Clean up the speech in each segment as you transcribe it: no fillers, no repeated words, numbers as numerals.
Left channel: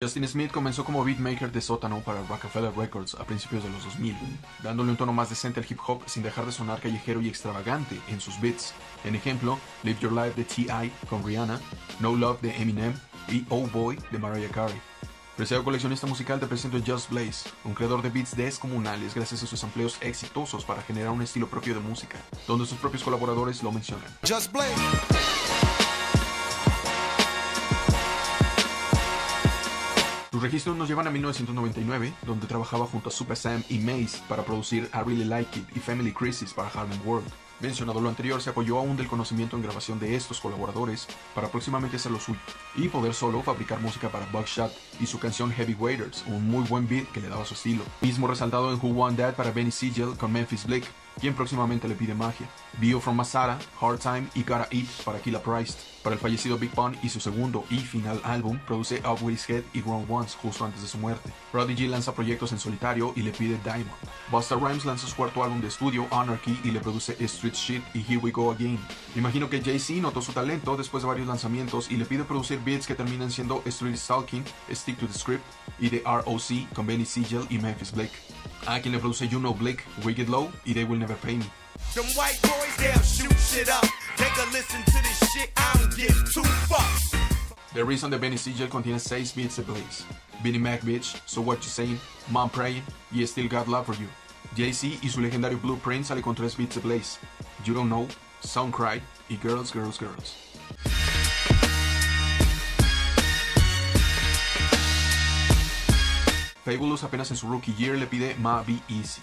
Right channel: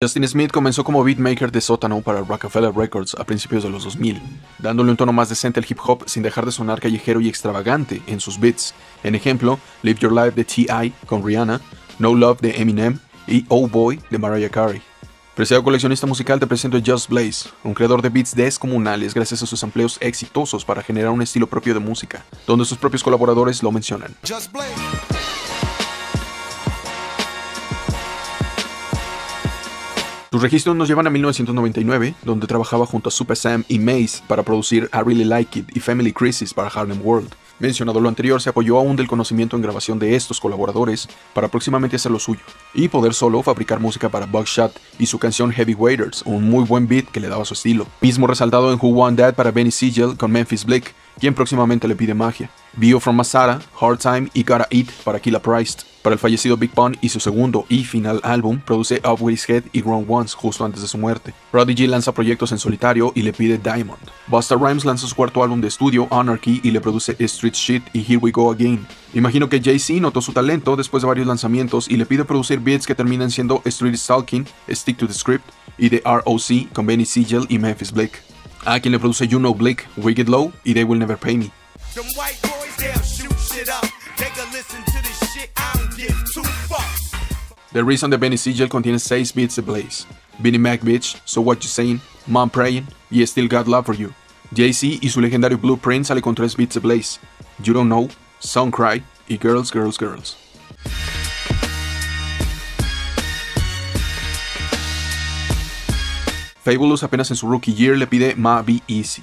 Justin Smith comenzó como beatmaker de sótano para Rockefeller Records a principios de los 2000, dándole un tono más decente al hip hop sin dejar de sonar callejero y extravagante en sus beats. En ejemplo, Live Your Life de T.I. con Rihanna, No Love de Eminem y Oh Boy de Mariah Carey. Preciado coleccionista musical, te presento a Just Blaze, un creador de beats descomunales gracias a sus empleos exitosos para generar un estilo propio de música, donde sus propios colaboradores lo mencionan. Just Blaze. Sus registros nos llevan a 1999, donde trabajaba junto a Super Sam y Maze para producir I Really Like It y Family Crisis para Harlem World. Mencionado lo anterior, se apoyó aún del conocimiento en grabación de estos colaboradores para próximamente hacer lo suyo, y poder solo fabricar música para Buckshot y su canción Heavyweighers, un muy buen beat que le daba su estilo. Mismo resaltado en Who Want That para Benny Siegel con Memphis Bleek, quien próximamente le pide magia. Bio from Masada, Hard Time y Gotta Eat para Killa Price. Para el fallecido Big Pun y su segundo y final álbum, produce Up With His Head y Grown Ones justo antes de su muerte. Prodigy lanza proyectos en solitario y le pide Diamond. Busta Rhymes lanza su cuarto álbum de estudio, Anarchy, y le produce Street Shit y Here We Go Again. Imagino que Jay-Z notó su talento después de varios lanzamientos y le pide producir beats que terminan siendo Street Stalking, Stick to the Script y The R.O.C. con Benny Siegel y Memphis Bleek. A quien le produce You Know Bleak, Wicked Low y They Will Never Pay Me. Them white boys, they'll shoot shit up. They can listen to this shit, I don't give two fucks. The Reason de Benny Siegel contiene 6 beats de Blaze. Beanie Mac Bitch, So What You Saying, Mom Praying y Still Got Love For You. Jay-Z y su legendario Blueprint sale con 3 beats de Blaze. You Don't Know, Song Cry y Girls, Girls, Girls. Fabulous apenas en su rookie year le pide Ma Be Easy.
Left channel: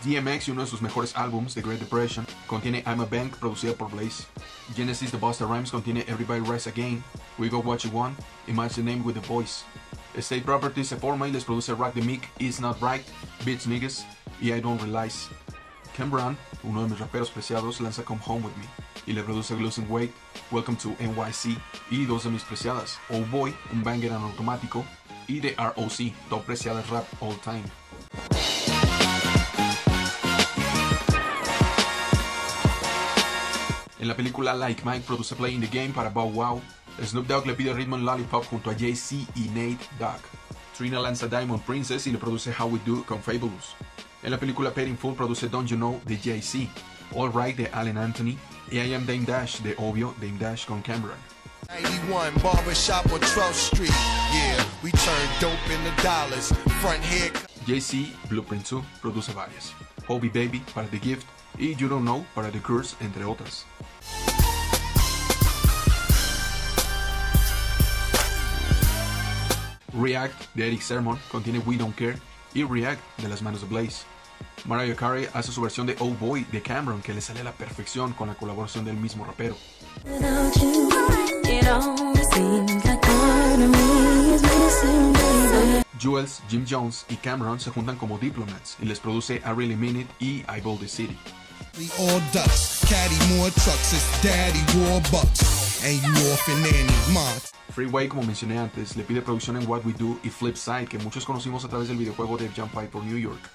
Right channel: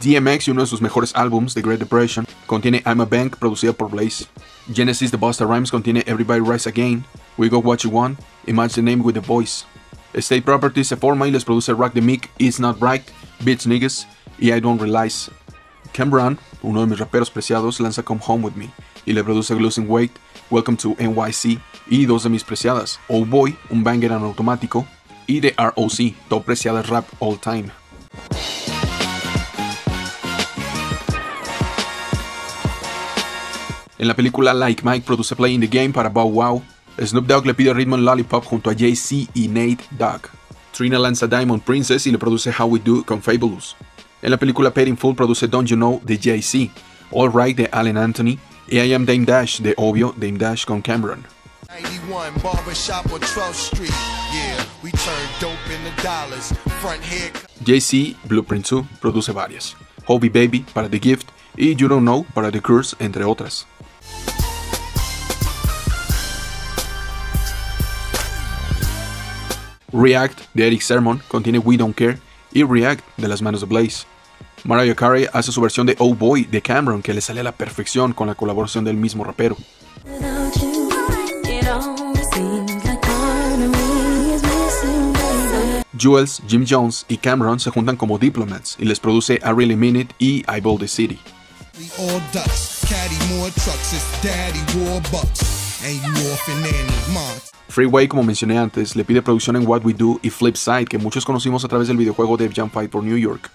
DMX y uno de sus mejores álbums, The Great Depression, contiene I'm a Bank, producida por Blaze. Genesis de Busta Rhymes contiene Everybody Rise Again, We Got What You Want y Match the Name with the Voice. State Property se forma y les produce Rock the Mic, It's Not Right, Bitch Niggas y I Don't Realize. Cam Brown, uno de mis raperos preciados, lanza Come Home With Me y le produce Losing Weight, Welcome to NYC y dos de mis preciadas, Old Boy, un banger en automático, y The R.O.C., top preciada rap all time. En la película Like Mike produce Play in the Game para Bow Wow. Snoop Dogg le pide ritmo en Lollipop junto a Jay-Z y Nate Dogg. Trina lanza Diamond Princess y le produce How We Do con Fabulous. En la película Paid in Full produce Don't You Know de Jay-Z, All Right de Allen Anthony y I Am Dame Dash de obvio Dame Dash con Cameron. 91 barbershop on 12th Street. Yeah, we turn dope into dollars. Front head. Jay-Z, Blueprint 2, produce varias. Hobie Baby para The Gift y You Don't Know para The Curse, entre otras. React de Erick Sermon contiene We Don't Care y React de las manos de Blaze. Mariah Carey hace su versión de Oh Boy de Cameron que le sale a la perfección con la colaboración del mismo rapero. Jules, Jim Jones y Cameron se juntan como Diplomats y les produce I Really Mean It y I Built the City. We all ducks, caddy more trucks, it's daddy war bucks, and you off in any month. Freeway, como mencioné antes, le pide producción en What We Do y Flipside, que muchos conocimos a través del videojuego Def Jam Fight for New York.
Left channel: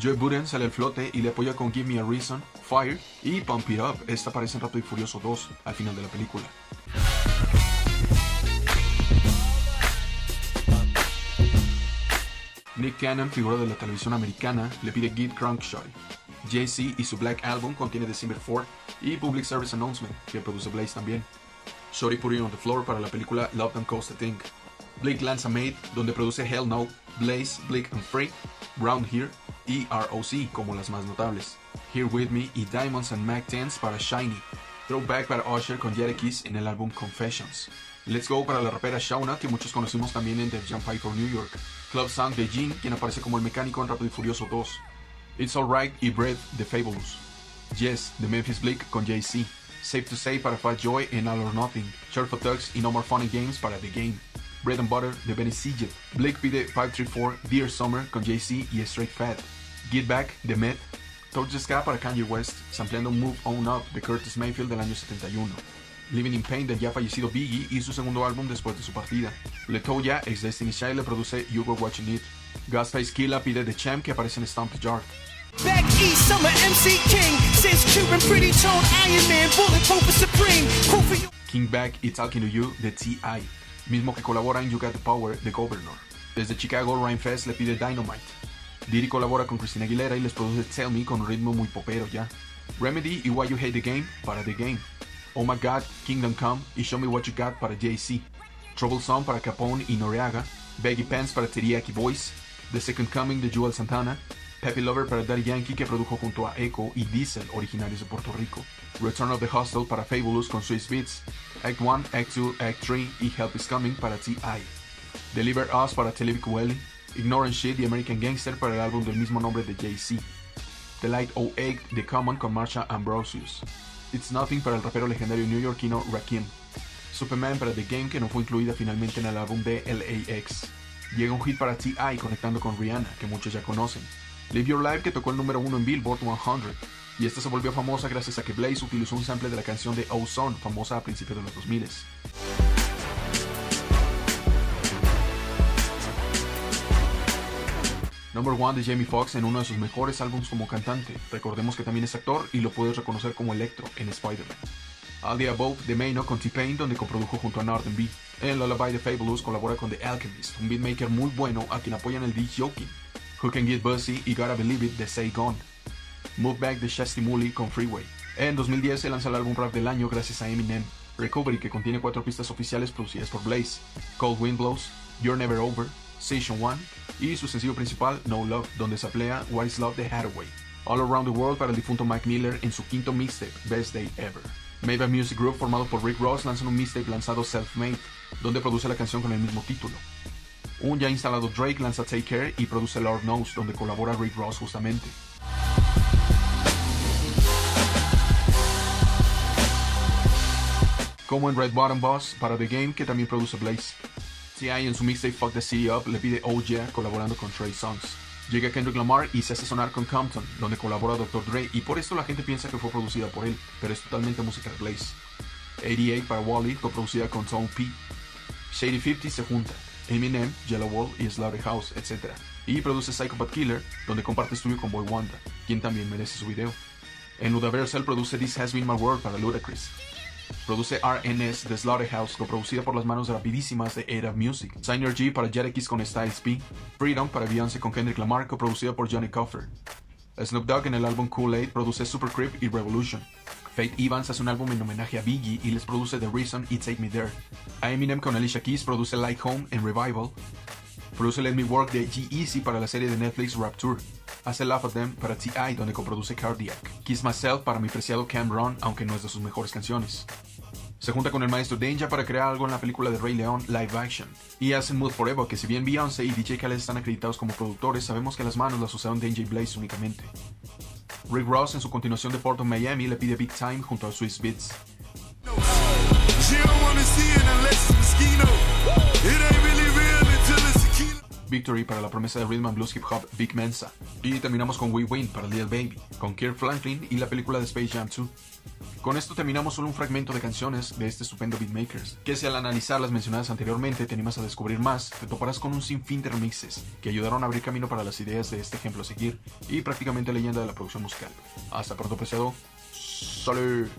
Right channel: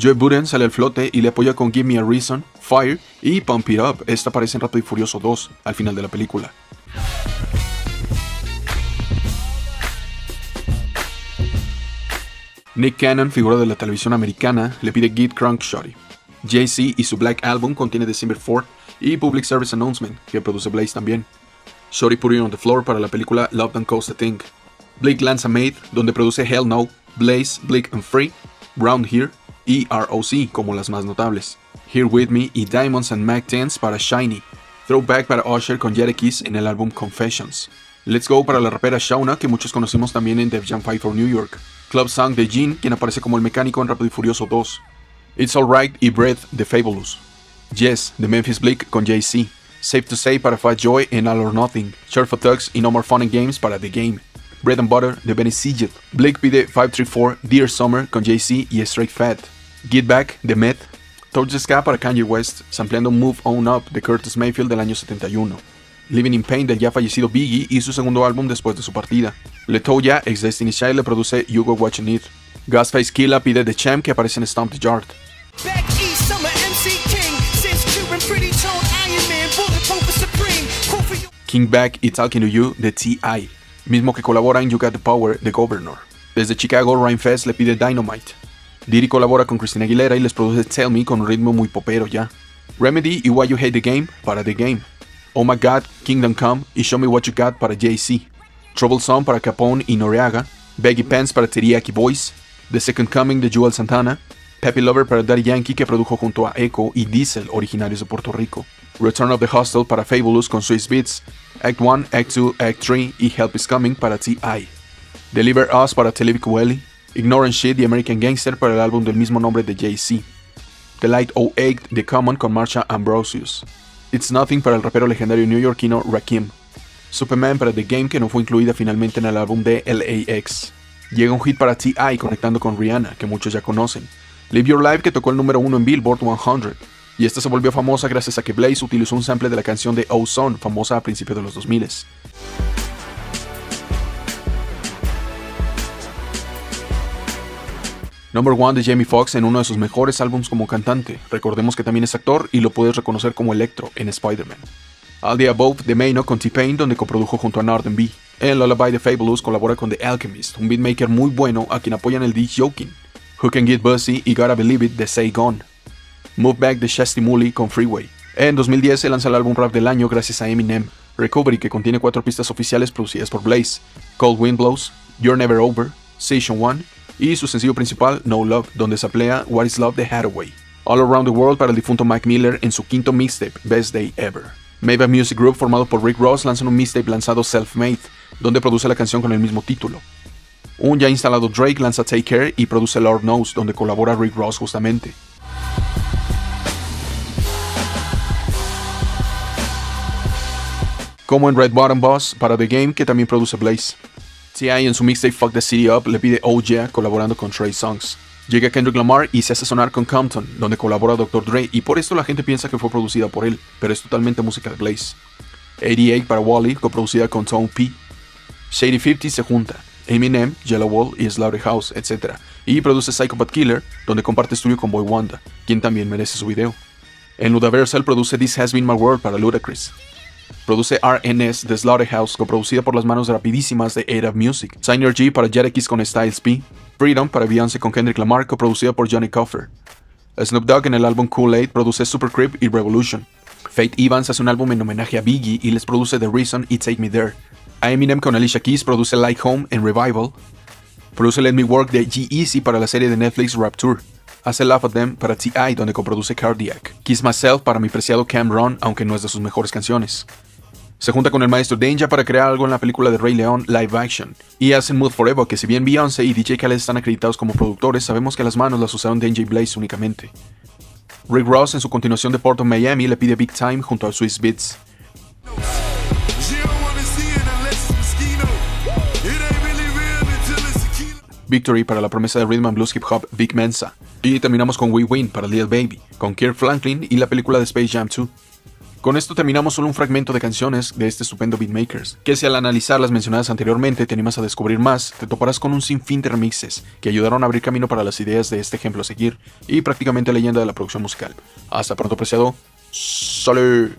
Joe Budden sale al flote y le apoya con Give Me a Reason, Fire y Pump It Up. Esta aparece en Rápido y Furioso 2, al final de la película. Nick Cannon, figura de la televisión americana, le pide Get Crunk Shorty. Jay-Z y su Black Album contiene December 4 y Public Service Announcement, que produce Blaze también. Shorty Put It on the Floor para la película Love Don't Cost a Thing. Bleak lanza Made, donde produce Hell No, Blaze, Bleak and Free, Round Here y R.O.C. como las más notables. Here With Me y Diamonds and Mac 10s para Shiny. Throwback para Usher con Jadakiss en el álbum Confessions. Let's Go para la rapera Shauna, que muchos conocimos también en Def Jam Fight for New York. Club Song de Gene, quien aparece como el mecánico en Rápido y Furioso 2. It's Alright y Breath de Fabulous. Yes de Memphis Bleek con Jay-Z. Safe to Say para Fat Joy en All or Nothing. Short for Thugs y No More Fun and Games para The Game. Bread and Butter de Benny Siegel. Bleek pide 534 Dear Summer con Jay-Z y Straight Fat. Get Back de Meth. Touch the Sky para Kanye West, sampleando Move On Up de Curtis Mayfield del año 71. Living in Pain del ya fallecido Biggie y su segundo álbum después de su partida. Letoya, ex Destiny Child, le produce You Go What You Need. Ghostface Killah pide The Champ, que aparece en Stomp the Yard. Back east, I'm a MC King. Since Cuban, pretty tone, Iron Man, bulletproof and supreme. Cool for you. King Back y Talking to You de T.I., mismo que colabora en You Got the Power de Governor. Desde Chicago, Rhymefest le pide Dynamite. Diddy colabora con Christina Aguilera y les produce Tell Me con un ritmo muy popero ya. Remedy y Why You Hate the Game para The Game. Oh My God, Kingdom Come y Show Me What You Got para Jay-Z. Troublesome para Capone y Noreaga. Baggy Pants para Teriyaki Boys. The Second Coming de Jewel Santana. Peppy Lover para Daddy Yankee, que produjo junto a Echo y Diesel, originarios de Puerto Rico. Return of the Hustle para Fabulous con Swiss Beats. Act 1, Act 2, Act 3 y Help Is Coming para T.I. Deliver Us para Talib Kweli. Ignore and Shit y American Gangster para el álbum del mismo nombre de Jay-Z. The Light 08 de Common con Marsha Ambrosius. It's Nothing para el rapero legendario neoyorquino Rakim. Superman para The Game, que no fue incluida finalmente en el álbum de LAX. Llega un hit para T.I. conectando con Rihanna, que muchos ya conocen. Live Your Life, que tocó el número 1 en Billboard 100. Y esta se volvió famosa gracias a que Blaze utilizó un sample de la canción de Ozone, famosa a principios de los 2000. Number 1 de Jamie Foxx en uno de sus mejores álbumes como cantante. Recordemos que también es actor y lo puedes reconocer como Electro en Spider-Man. All the Above de Maino con T-Pain, donde coprodujo junto a Northern B. En Lullaby de Fabulous colabora con The Alchemist, un beatmaker muy bueno a quien apoyan el Dick Joking. Who Can Get Bussy y Gotta Believe It de Say Gone. Move Back de Shasty Mooley con Freeway. En 2010 se lanza el álbum rap del año gracias a Eminem. Recovery, que contiene 4 pistas oficiales producidas por Blaze. Cold Wind Blows, You're Never Over, Station 1 y su sencillo principal No Love, donde se aplea What Is Love de Hathaway. All Around the World para el difunto Mac Miller en su quinto mixtape, Best Day Ever. Maybach Music Group, formado por Rick Ross, lanza un mixtape lanzado Self-Made, donde produce la canción con el mismo título. Un ya instalado Drake lanza Take Care y produce Lord Knows, donde colabora Rick Ross justamente. Como en Red Bottom Boss para The Game, que también produce Blaze. T.I. en su mixtape Fuck the City Up le pide Oh Yeah, colaborando con Trey Songz. Llega Kendrick Lamar y se hace sonar con Compton, donde colabora Dr. Dre, y por esto la gente piensa que fue producida por él, pero es totalmente música de Blaze. 88 para Wally, coproducida con Tone P. Shady 50 se junta, Eminem, Yellow Wall y Slaughterhouse, etc. Y produce Psychopath Killer, donde comparte estudio con Boy Wanda, quien también merece su video. En Ludaversal produce This Has Been My World para Ludacris. Produce RNS de Slaughterhouse, coproducida por las manos rapidísimas de A-Dub Music. Synergy para Jadakiss con Styles P. Freedom para Beyoncé con Kendrick Lamar, coproducida por Johnny Coffer. Snoop Dogg en el álbum Kool-Aid produce Super Creep y Revolution. Faith Evans hace un álbum en homenaje a Biggie y les produce The Reason y Take Me There. A Eminem con Alicia Keys produce Like Home en Revival. Produce Let Me Work de G-Eazy para la serie de Netflix Rap Tour. Hace Laugh at Them para T.I., donde coproduce Cardiac. Kiss Myself para mi preciado Cameron, aunque no es de sus mejores canciones. Se junta con el maestro Danja para crear algo en la película de Rey León live action. Y hacen Mood Forever, que si bien Beyoncé y DJ Khaled están acreditados como productores, sabemos que las manos las usaron Danja y Blaze únicamente. Rick Ross en su continuación de Port of Miami le pide Big Time junto a Swiss Beats. Victory para la promesa de Rhythm and Blues Hip Hop Big Mensa. Y terminamos con We Win para Lil Baby, con Kirk Franklin y la película de Space Jam 2. Con esto terminamos solo un fragmento de canciones de este estupendo beatmakers, que si al analizar las mencionadas anteriormente te animas a descubrir más, te toparás con un sinfín de remixes que ayudaron a abrir camino para las ideas de este ejemplo a seguir y prácticamente leyenda de la producción musical. Hasta pronto, apreciado. ¡Salud!